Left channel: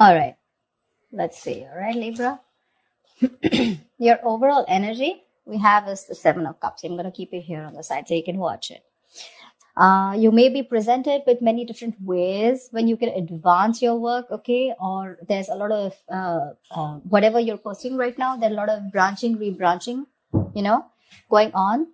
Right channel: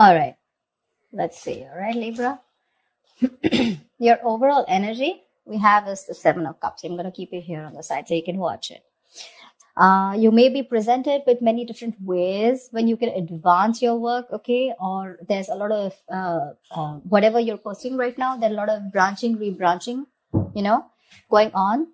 All right. Let's see. All right, Libra. Your overall energy we have is the Seven of Cups. I'm going to keep it here on the side so you can watch it. You may be presented with many different ways when you can advance your work, okay? Or there's a lot of, whatever you're pursuing right now, there's a lot of branching, rebranching, going on.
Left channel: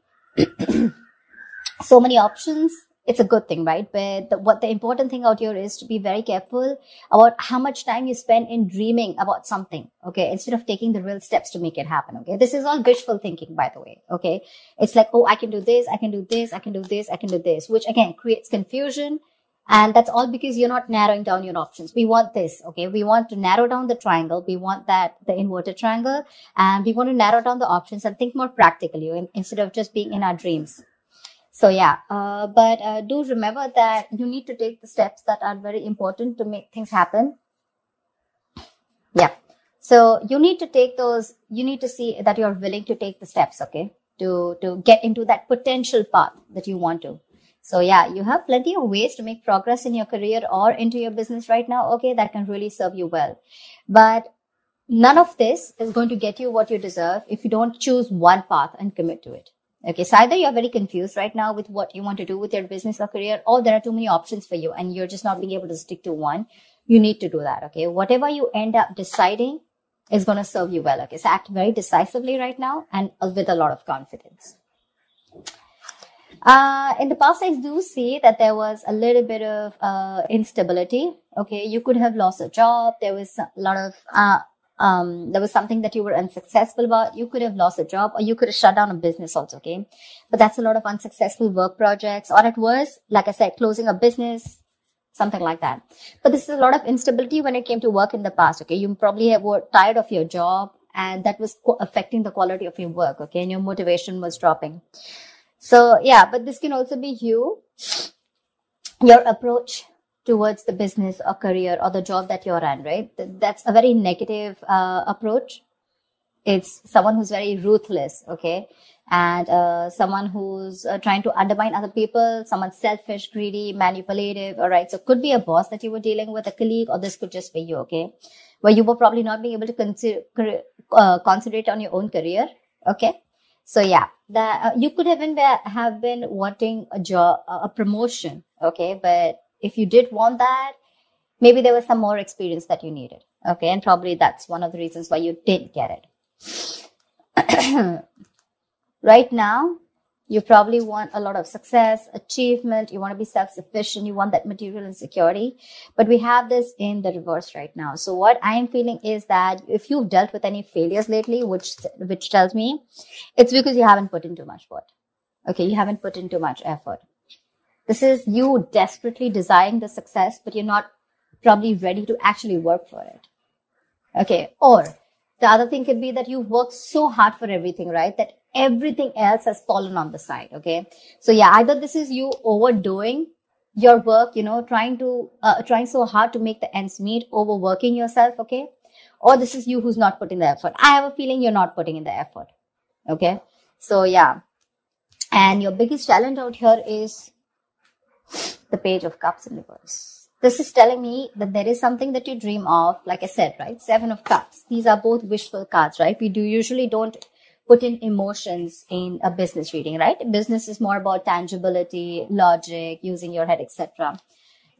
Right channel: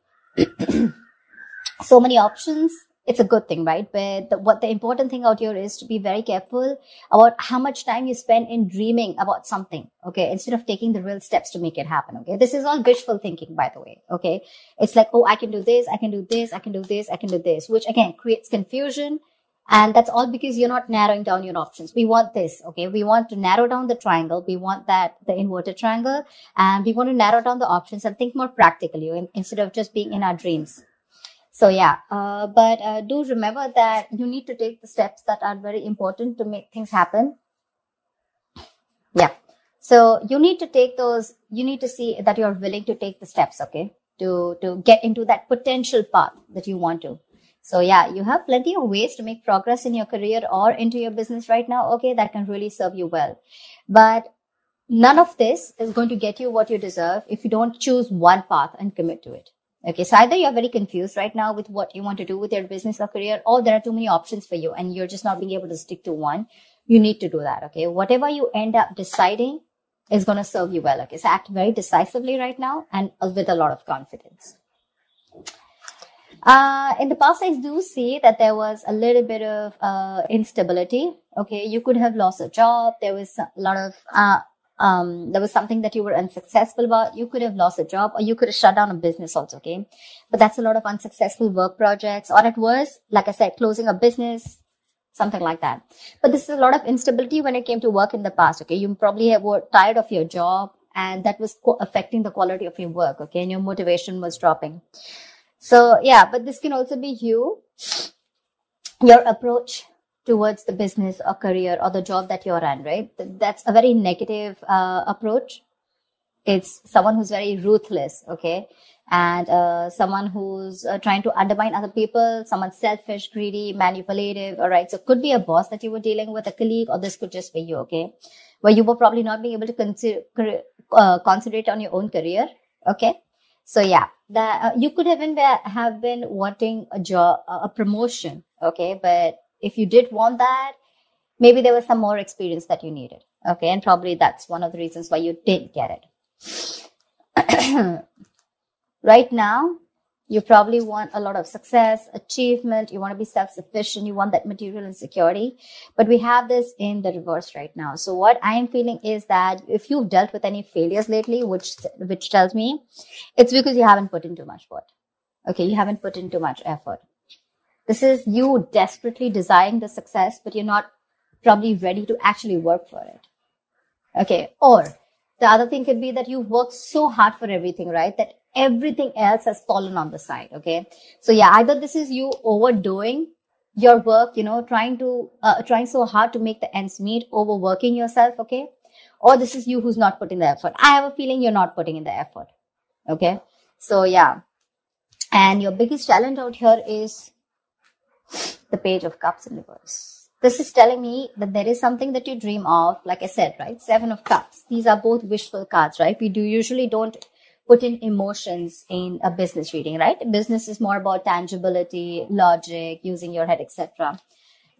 So many options. It's a good thing, right? But what the important thing out here is to be very careful about how much time you spend in dreaming about something, okay? Instead of taking the real steps to make it happen, okay? This is all wishful thinking, by the way, okay? It's like, oh, I can do this, I can do this, I can do this, I can do this, which again creates confusion. And that's all because you're not narrowing down your options. We want this, okay? We want to narrow down the triangle. We want the inverted triangle, and we want to narrow down the options and think more practically instead of just being in our dreams. So yeah, but do remember that you need to take the steps that are very important to make things happen. Yeah. So you need to take those, you need to see that you're willing to take the steps, okay, to get into that potential path that you want to. So yeah, you have plenty of ways to make progress in your career or into your business right now, okay, that can really serve you well. But none of this is going to get you what you deserve if you don't choose one path and commit to it. Okay, so either you're very confused right now with what you want to do with your business or career, or there are too many options for you and you're just not being able to stick to one. You need to do that, okay? Whatever you end up deciding is going to serve you well, okay? So act very decisively right now and with a lot of confidence. In the past, I do see that there was a little bit of instability, okay? You could have lost a job. There was a lot of... there was something that you were unsuccessful about. You could have lost a job, or you could have shut down a business also, okay? But that's a lot of unsuccessful work projects, or it was, like I said, closing a business, something like that. But this is a lot of instability when it came to work in the past, okay? You probably were tired of your job, and that was affecting the quality of your work, okay? And your motivation was dropping. So, yeah, but this can also be your approach towards the business or career or the job that you're in, right? That's a very negative approach. It's someone who's very ruthless, okay? And someone who's trying to undermine other people, someone selfish, greedy, manipulative, all right? So it could be a boss that you were dealing with, a colleague, or this could just be you, okay? Where you were probably not being able to concentrate on your own career, okay? So yeah, you could even have been wanting a job, a promotion, okay? But if you did want that, maybe there was some more experience that you needed. Okay. And probably that's one of the reasons why you didn't get it. Right now, you probably want a lot of success, achievement. You want to be self-sufficient. You want that material and security. But we have this in the reverse right now. So what I am feeling is that if you've dealt with any failures lately, which tells me it's because you haven't put in too much effort. Okay. You haven't put in too much effort. This is you desperately desiring the success, but you're not probably ready to actually work for it. Okay. Or the other thing could be that you worked so hard for everything, right? That everything else has fallen on the side. Okay. So yeah, either this is you overdoing your work, trying so hard to make the ends meet, overworking yourself. Okay. Or this is you who's not putting the effort. I have a feeling you're not putting in the effort. Okay. So yeah. And your biggest challenge out here is the Page of Cups in reverse. This is telling me that there is something that you dream of, like I said, right? Seven of Cups. These are both wishful cards, right? We usually don't put in emotions in a business reading, right? Business is more about tangibility, logic, using your head, etc.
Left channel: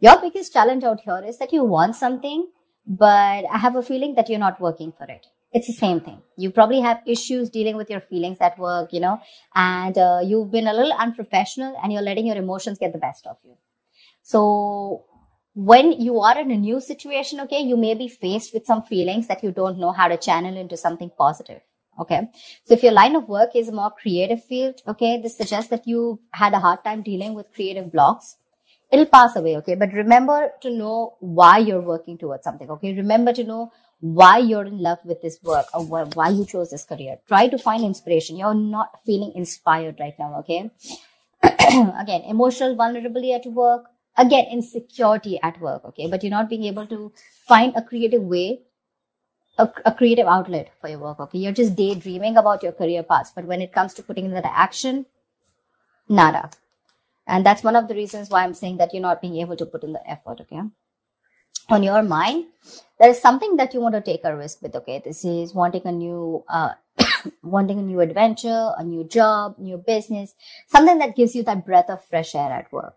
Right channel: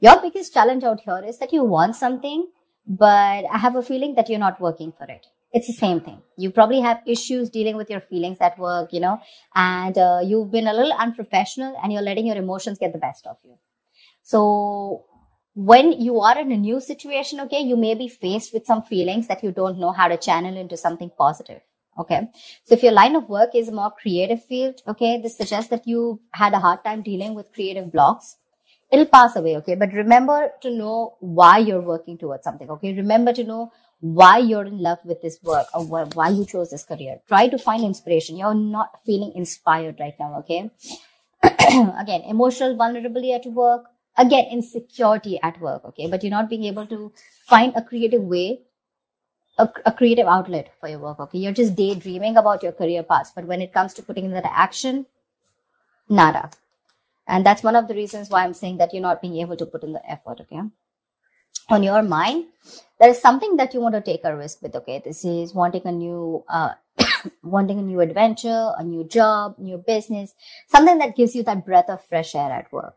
Your biggest challenge out here is that you want something, but I have a feeling that you're not working for it. It's the same thing. You probably have issues dealing with your feelings at work, and you've been a little unprofessional and you're letting your emotions get the best of you. So when you are in a new situation, okay, you may be faced with some feelings that you don't know how to channel into something positive. Okay. So if your line of work is a more creative field, okay, this suggests that you had a hard time dealing with creative blocks. It'll pass away, okay? But remember to know why you're working towards something, okay? Remember to know why you're in love with this work or why you chose this career. Try to find inspiration. You're not feeling inspired right now, okay? Again, emotional vulnerability at work. Again, insecurity at work, okay? But you're not being able to find a creative way, a creative outlet for your work, okay? You're just daydreaming about your career paths. But when it comes to putting in that action, nada. And that's one of the reasons why I'm saying that you're not being able to put in the effort, okay? on your mind, there is something that you want to take a risk with. Okay, this is wanting a new wanting a new adventure, a new job, new business, something that gives you that breath of fresh air at work.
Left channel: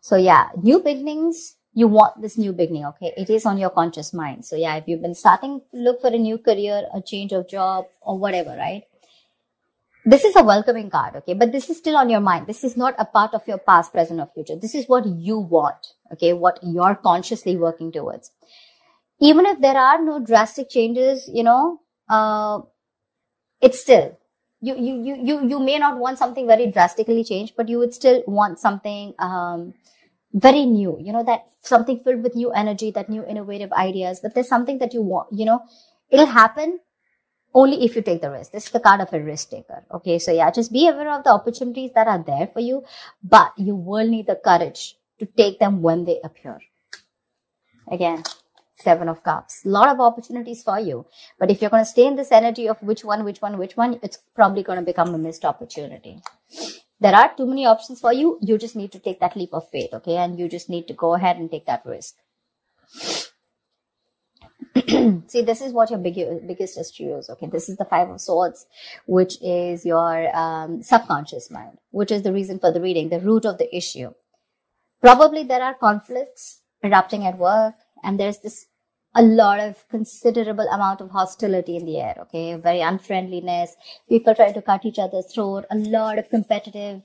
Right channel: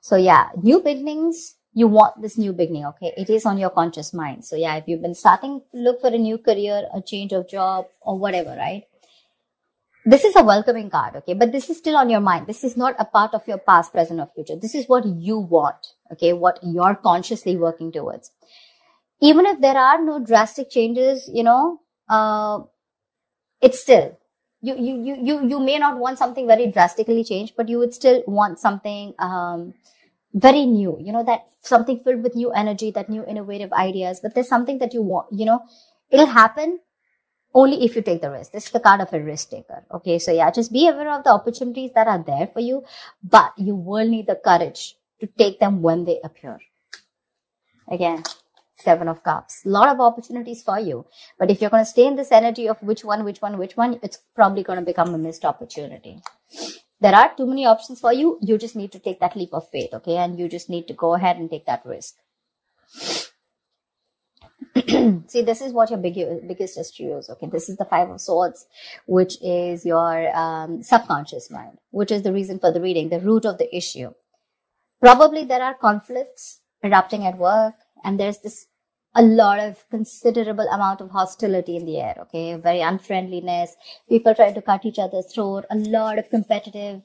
So yeah, new beginnings, you want this new beginning. Okay, it is on your conscious mind. So yeah, if you've been starting to look for a new career, a change of job, or whatever, right, this is a welcoming card. Okay, but this is still on your mind. This is not a part of your past, present, or future. This is what you want. Okay, what you're consciously working towards. Even if there are no drastic changes, it's still, you may not want something very drastically changed, but you would still want something very new, that something filled with new energy, that new innovative ideas. But there's something that you want, it'll happen only if you take the risk. This is the card of a risk taker. Okay, so yeah, just be aware of the opportunities that are there for you, but you will need the courage to take them when they appear. Again, 7 of Cups. A lot of opportunities for you. But if you're going to stay in this energy of which one, it's probably going to become a missed opportunity. There are too many options for you. You just need to take that leap of faith, okay? And you just need to go ahead and take that risk. See, this is what your biggest history is, okay? This is the 5 of Swords, which is your subconscious mind, which is the reason for the reading, the root of the issue. Probably there are conflicts erupting at work, and there's a lot of considerable amount of hostility in the air, okay? Very unfriendliness, people trying to cut each other's throat, a lot of competitive,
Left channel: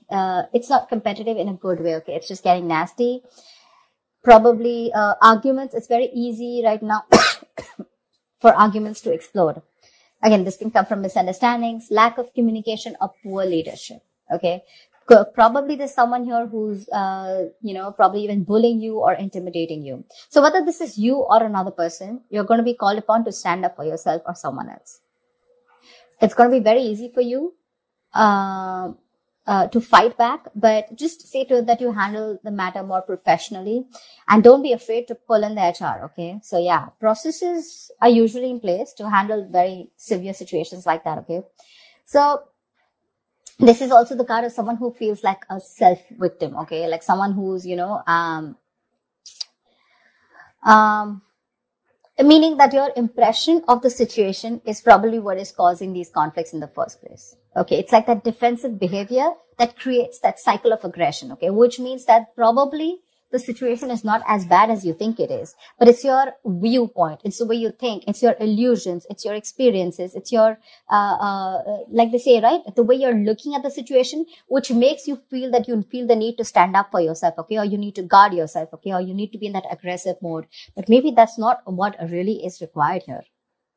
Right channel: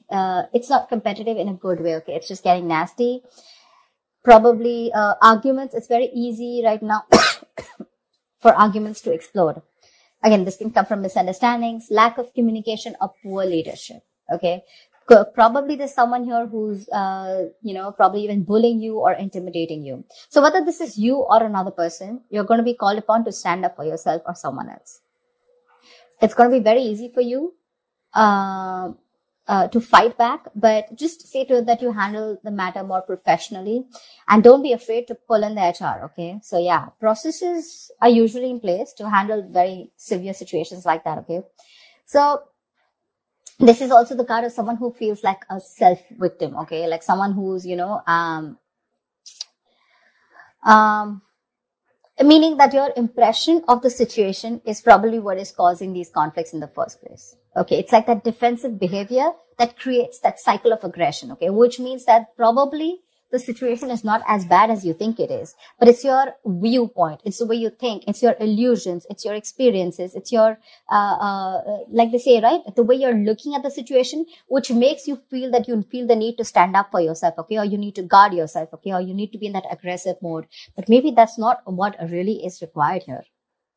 it's not competitive in a good way, okay? It's just getting nasty. Probably arguments, it's very easy right now for arguments to explode. Again, this can come from misunderstandings, lack of communication, or poor leadership, okay? Probably there's someone here who's, probably even bullying you or intimidating you. So whether this is you or another person, you're going to be called upon to stand up for yourself or someone else. It's going to be very easy for you to fight back, but just see to it that you handle the matter more professionally, and don't be afraid to pull in the HR, okay? So yeah, processes are usually in place to handle very severe situations like that, okay? So this is also the card of someone who feels like a self-victim, okay? Like someone who's, meaning that your impression of the situation is probably what is causing these conflicts in the first place. Okay, it's like that defensive behavior that creates that cycle of aggression, okay? Which means that probably the situation is not as bad as you think it is, but it's your viewpoint, it's the way you think, it's your illusions, it's your experiences, it's your, like they say, right? The way you're looking at the situation, which makes you feel that you feel the need to stand up for yourself, okay? Or you need to guard yourself, okay? Or you need to be in that aggressive mode. But maybe that's not what really is required here.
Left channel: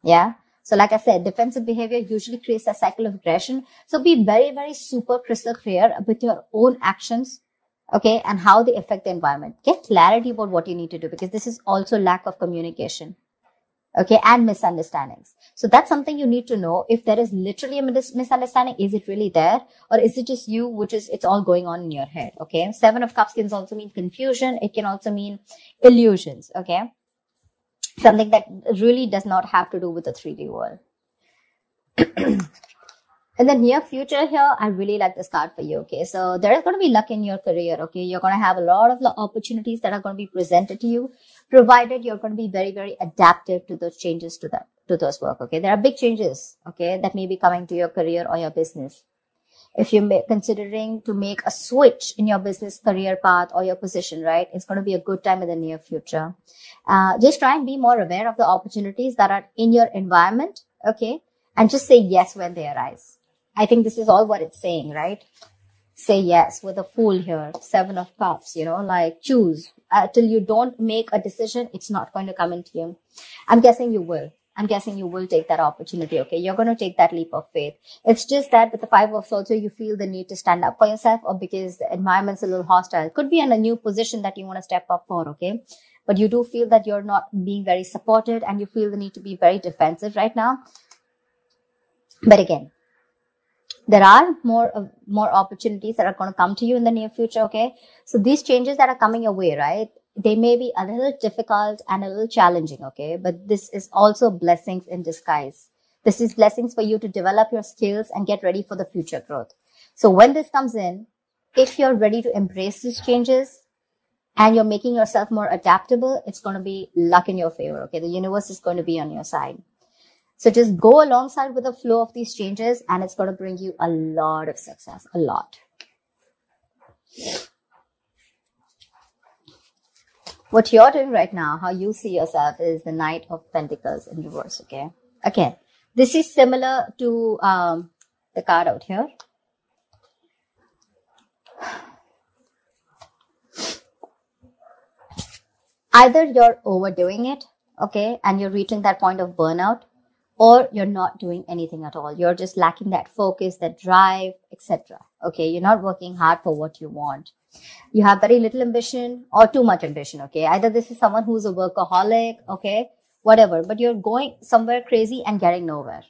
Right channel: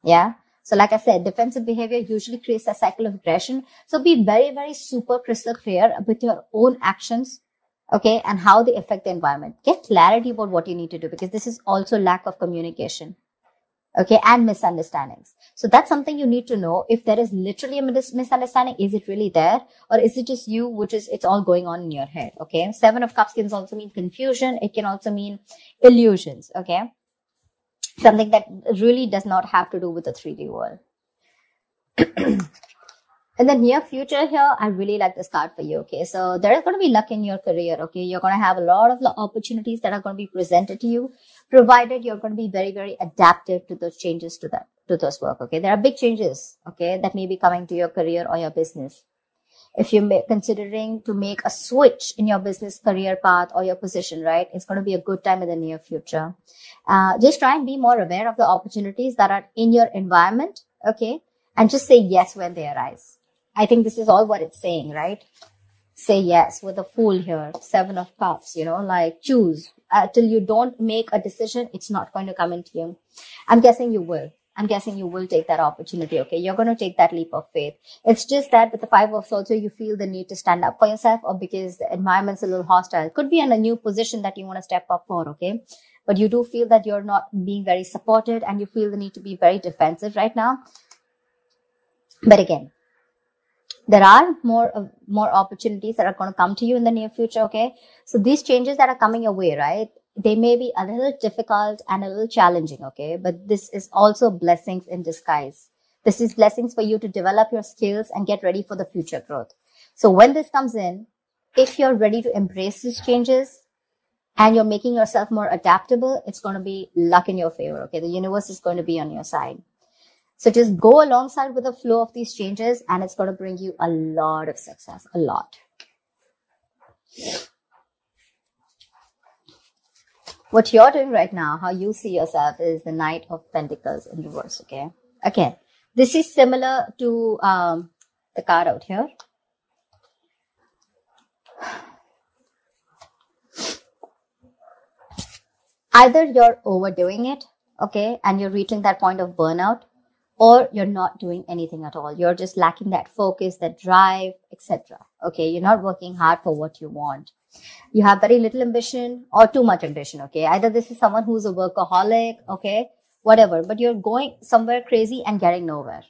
Yeah. So like I said, defensive behavior usually creates a cycle of aggression. So be very, very super crystal clear with your own actions, okay, and how they affect the environment. Get clarity about what you need to do, because this is also lack of communication, okay, and misunderstandings. So that's something you need to know. If there is literally a misunderstanding, is it really there, or is it just you, it's all going on in your head, okay? 7 of Cups can also mean confusion. It can also mean illusions, okay? Something that really does not have to do with the 3D world. In the near future here, I really like this card for you, okay? So there is going to be luck in your career, okay? You're going to have a lot of the opportunities that are going to be presented to you, provided you're going to be very, very adaptive to those changes to those work, okay? There are big changes, okay, that may be coming to your career or your business. If you're considering to make a switch in your business career path or your position, right, it's going to be a good time in the near future. Just try and be more aware of the opportunities that are in your environment, okay? And just say yes when they arise. I think this is all what it's saying, right? Say yes with a Fool here, 7 of Cups, like choose. Till you don't make a decision, it's not going to come into you. I'm guessing you will. I'm guessing you will take that opportunity, okay? You're going to take that leap of faith. It's just that with the 5 of Swords, you feel the need to stand up for yourself, or because the environment's a little hostile. It could be in a new position that you want to step up for, okay? But you do feel that you're not being very supported, and you feel the need to be very defensive right now. But again, there are more opportunities that are going to come to you in the near future, okay? So these changes that are coming your way, right? They may be a little difficult and a little challenging, okay? But this is also blessings in disguise. This is blessings for you to develop your skills and get ready for the future growth. So when this comes in, if you're ready to embrace these changes and you're making yourself more adaptable, it's going to be luck in your favor. Okay. The universe is going to be on your side. So just go alongside with the flow of these changes, and it's going to bring you a lot of success, a lot. What you're doing right now, how you see yourself, is the Knight of Pentacles in reverse, okay? Again, this is similar to the card out here. Either you're overdoing it, okay, and you're reaching that point of burnout, or you're not doing anything at all. You're just lacking that focus, that drive, etc. Okay, you're not working hard for what you want. You have very little ambition or too much ambition, okay? Either this is someone who's a workaholic, okay, whatever, but you're going somewhere crazy and getting nowhere,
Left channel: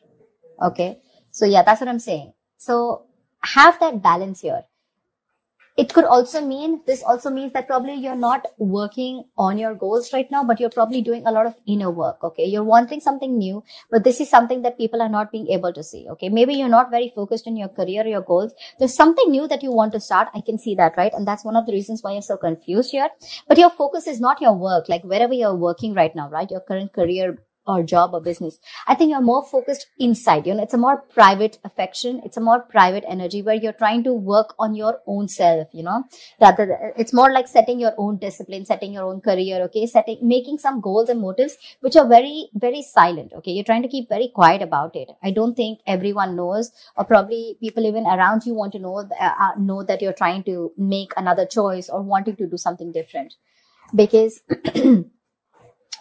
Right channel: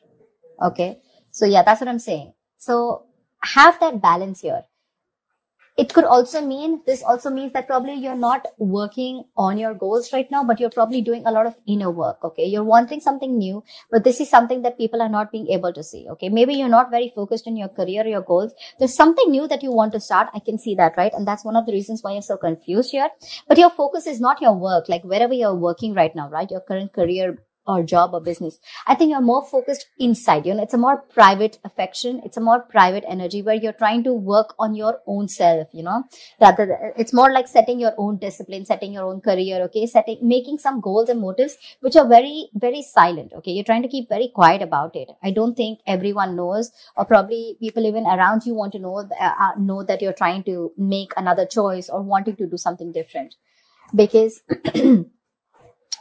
okay? So yeah, that's what I'm saying. So have that balance here. It could also mean, this also means that probably you're not working on your goals right now, but you're probably doing a lot of inner work, okay? You're wanting something new, but this is something that people are not being able to see, okay? Maybe you're not very focused in your career, your goals. There's something new that you want to start. I can see that, right? And that's one of the reasons why you're so confused here. But your focus is not your work, like wherever you're working right now, right? Your current career or job or business. I think you're more focused inside, you know, it's a more private affection. It's a more private energy where you're trying to work on your own self, you know, rather it's more like setting your own discipline, setting your own career, okay, making some goals and motives, which are very, very silent. Okay. You're trying to keep very quiet about it. I don't think everyone knows, or probably people even around you want to know that you're trying to make another choice or wanting to do something different, because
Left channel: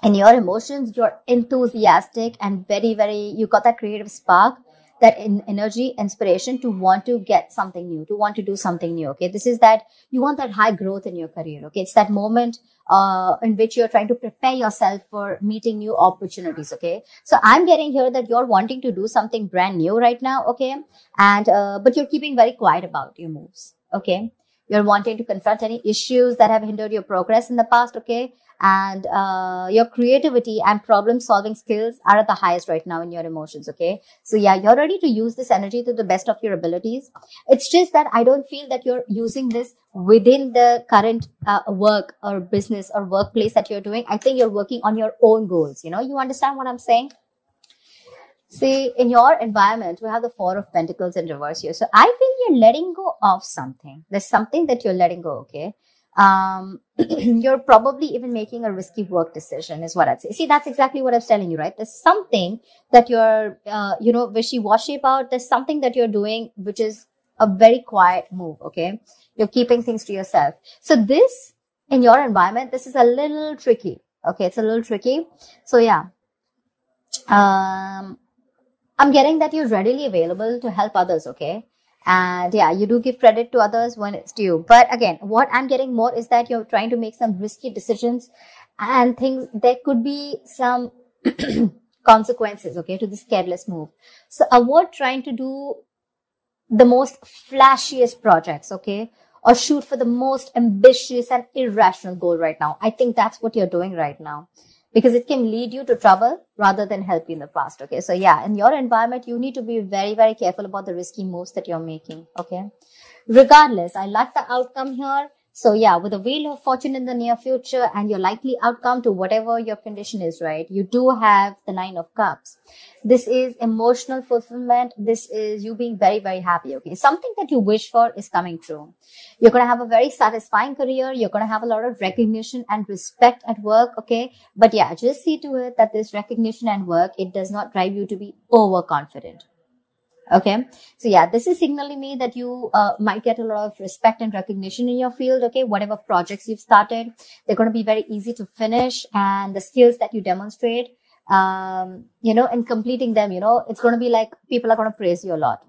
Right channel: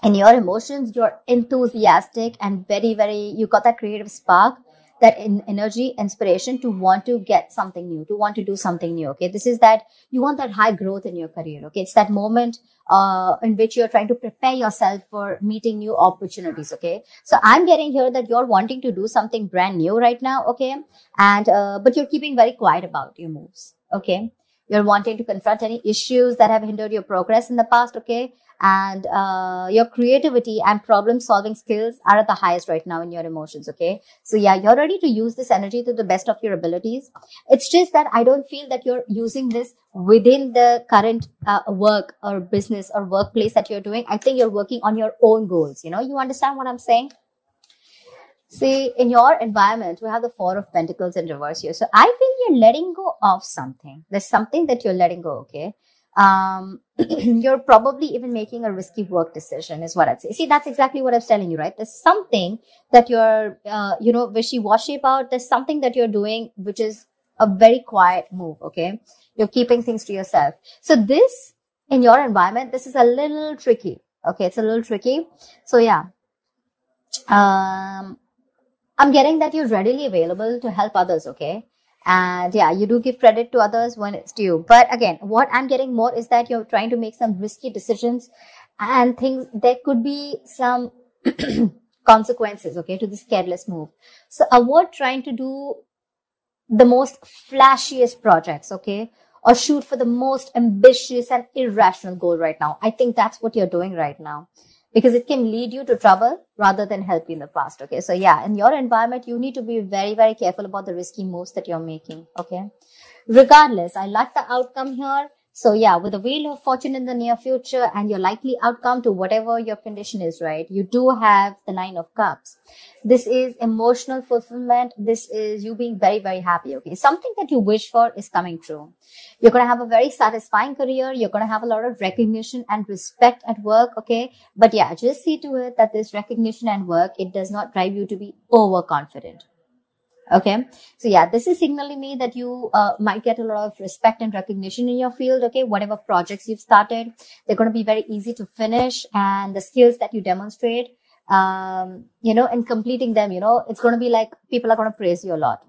in your emotions, you're enthusiastic and very, very, you got that creative spark, that energy, inspiration to want to get something new, to want to do something new. Okay. This is that you want that high growth in your career. Okay. It's that moment, in which you're trying to prepare yourself for meeting new opportunities. Okay. So I'm getting here that you're wanting to do something brand new right now. Okay. And, but you're keeping very quiet about your moves. Okay. You're wanting to confront any issues that have hindered your progress in the past, okay? And your creativity and problem-solving skills are at the highest right now in your emotions, okay? So yeah, you're ready to use this energy to the best of your abilities. It's just that I don't feel that you're using this within the current work or business or workplace that you're doing. I think you're working on your own goals, you know? You understand what I'm saying? See, in your environment, we have the Four of Pentacles in reverse here. So I feel you're letting go of something. There's something that you're letting go, okay? You're probably even making a risky work decision is what I'd say. See, that's exactly what I was telling you, right? There's something that you're, you know, wishy-washy about. There's something that you're doing, which is a very quiet move, okay? You're keeping things to yourself. So this, in your environment, this is a little tricky, okay? It's a little tricky. So yeah. I'm getting that you're readily available to help others, okay? And yeah, you do give credit to others when it's due. But again, what I'm getting more is that you're trying to make some risky decisions and things, there could be some consequences, okay, to this careless move. So avoid trying to do the most flashiest projects, okay? Or shoot for the most ambitious and irrational goal right now. I think that's what you're doing right now, because it can lead you to trouble rather than help you in the past, okay? So yeah, in your environment, you need to be very, very careful about the risky moves that you're making, okay? Regardless, I like the outcome here. So yeah, with the Wheel of Fortune in the near future and your likely outcome to whatever your condition is, right? You do have the Nine of Cups. This is emotional fulfillment. This is you being very, very happy, okay? Something that you wish for is coming true. You're going to have a very satisfying career. You're going to have a lot of recognition and respect at work, okay? But yeah, just see to it that this recognition and work, it does not drive you to be overconfident, okay? So yeah, this is signaling me that you might get a lot of respect and recognition in your field, okay? Whatever projects you've started, they're going to be very easy to finish, and the skills that you demonstrate, you know, and completing them, you know, it's going to be like people are going to praise you a lot.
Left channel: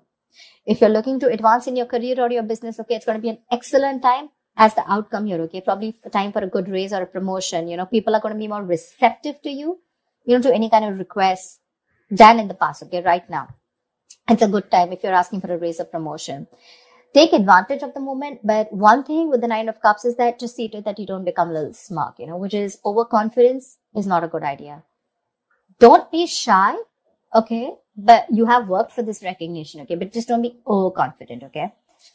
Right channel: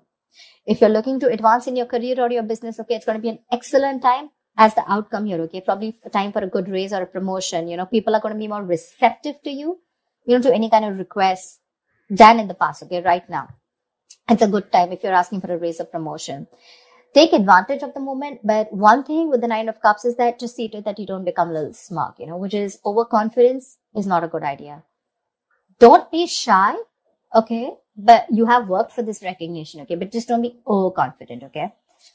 If you're looking to advance in your career or your business, okay, it's going to be an excellent time as the outcome here, okay? Probably time for a good raise or a promotion, you know, people are going to be more receptive to you, you know, to any kind of requests than in the past, okay, right now. It's a good time if you're asking for a raise or promotion. Take advantage of the moment, but one thing with the Nine of Cups is that just see to it that you don't become a little smug, you know, which is overconfidence is not a good idea. Don't be shy, okay? But you have worked for this recognition, okay? But just don't be overconfident, okay?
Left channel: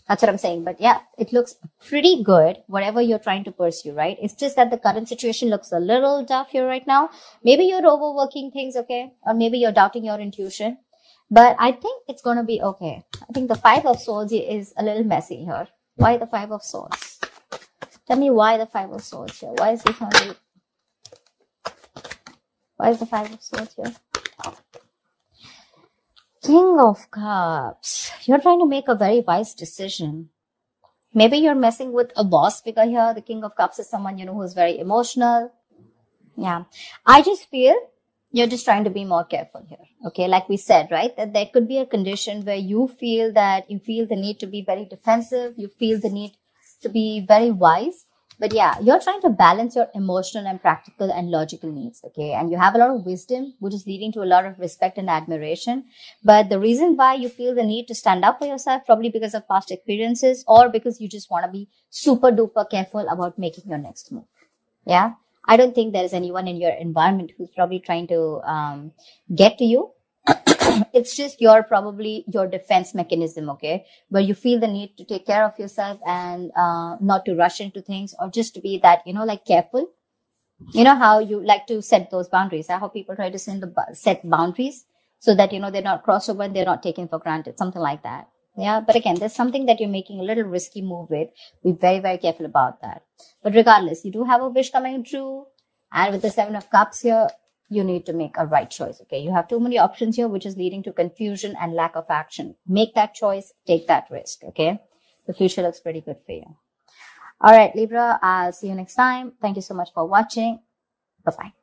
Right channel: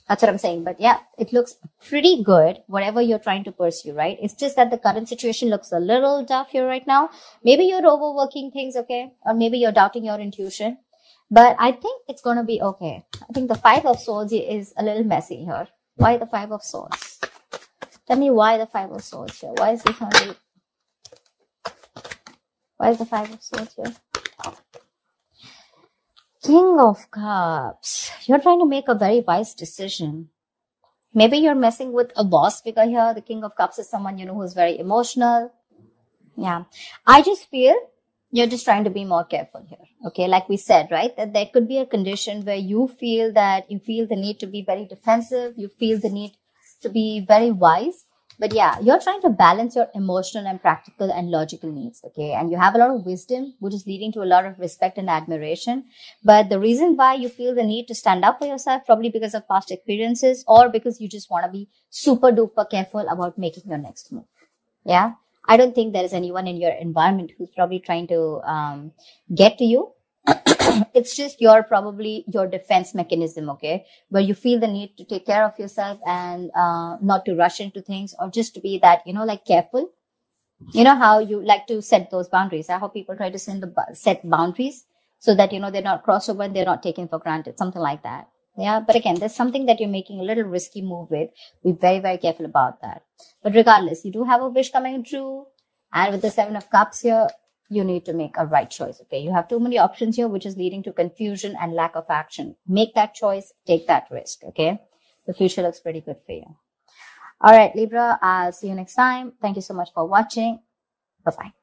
That's what I'm saying. But yeah, it looks pretty good, whatever you're trying to pursue, right? It's just that the current situation looks a little tough here right now. Maybe you're overworking things, okay? Or maybe you're doubting your intuition. But I think it's going to be okay. I think the Five of Swords is a little messy here. Why the Five of Swords? Tell me why the Five of Swords here. Why is this only... Why is the Five of Swords here? Oh. King of Cups. You're trying to make a very wise decision. Maybe you're messing with a boss because here the King of Cups is someone, you know, who's very emotional. Yeah. I just feel you're just trying to be more careful here. Okay. Like we said, right? That there could be a condition where you feel the need to be very defensive. You feel the need to be very wise. But yeah, you're trying to balance your emotional and practical and logical needs, okay? And you have a lot of wisdom, which is leading to a lot of respect and admiration. But the reason why you feel the need to stand up for yourself, probably because of past experiences or because you just want to be super duper careful about making your next move. Yeah? I don't think there's anyone in your environment who's probably trying to get to you. It's just your defense mechanism, okay, where you feel the need to take care of yourself and not to rush into things, or just to be that, you know, like careful. You know how you like to set those boundaries. How people try to set boundaries so that, you know, they're not crossed over and they're not taken for granted, something like that. Yeah, but again, there's something that you're making a little risky move with. Be very, very careful about that. But regardless, you do have a wish coming true, and with the Seven of Cups here, you need to make a right choice, okay? You have too many options here, which is leading to confusion and lack of action. Make that choice, take that risk, okay? The future looks pretty good for you. All right, Libra, I'll see you next time. Thank you so much for watching. Bye-bye.